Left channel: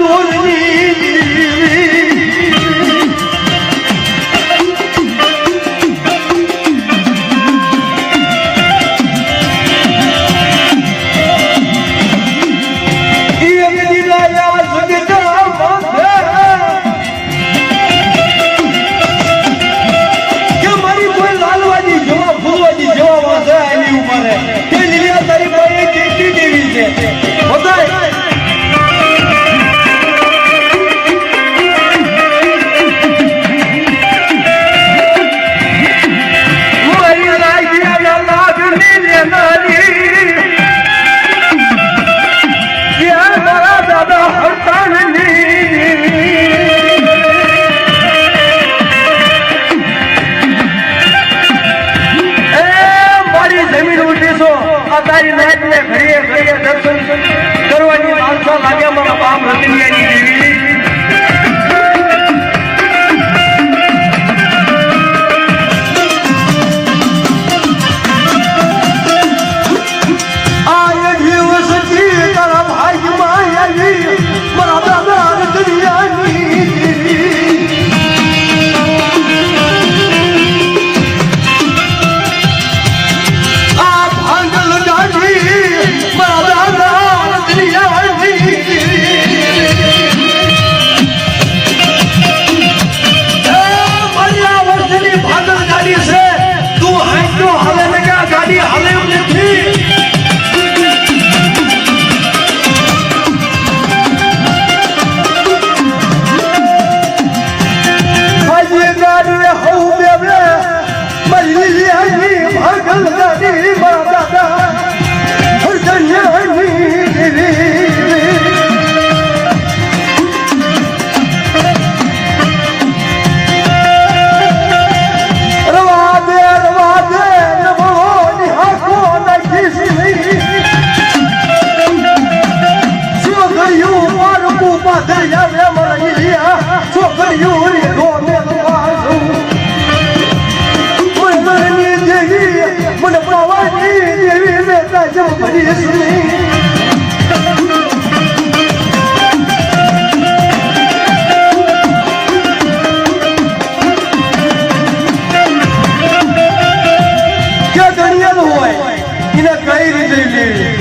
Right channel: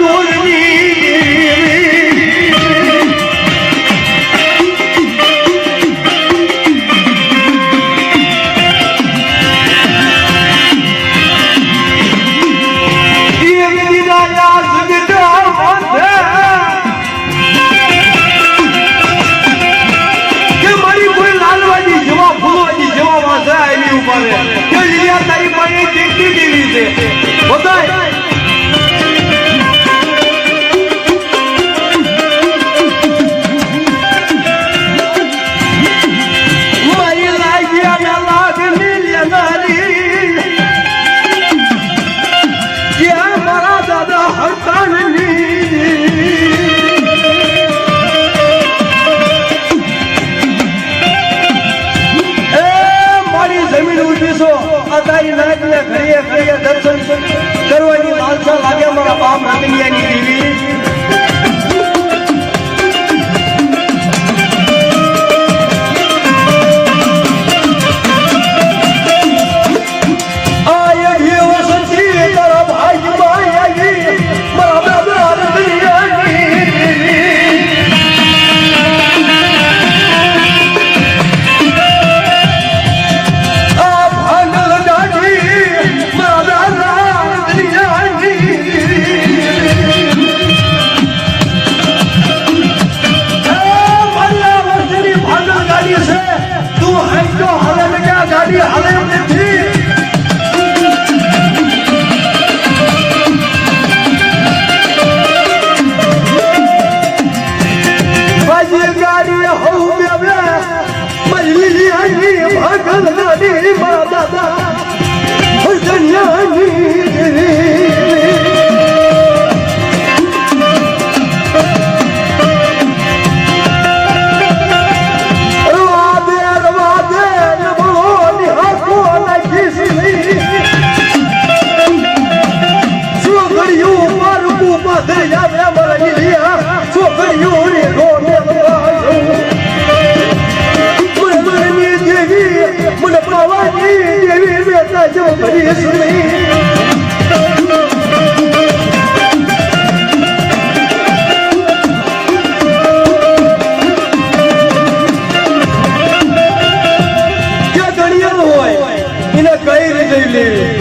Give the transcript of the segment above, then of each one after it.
ಬೋಲೆ માતાજી લાગીને ઘડીએ ઘડીએ દર્શન કરવાની લાલસા લાગે મારા બાપ રમીયાની દેવી.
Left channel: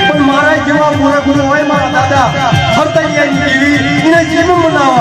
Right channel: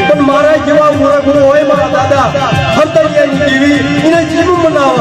પણ મારા જેવા મારા ગુરુ હોય મારા દાદા ફરતા ગયા નીકળી એને જીવ મનાવો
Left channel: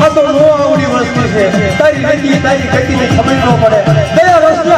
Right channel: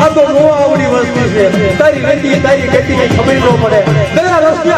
આ તો નો આવડી વસ્તુ છે. તારી ગતિ તારી ગતિની ખબર ન પડે. કયા રસ્તે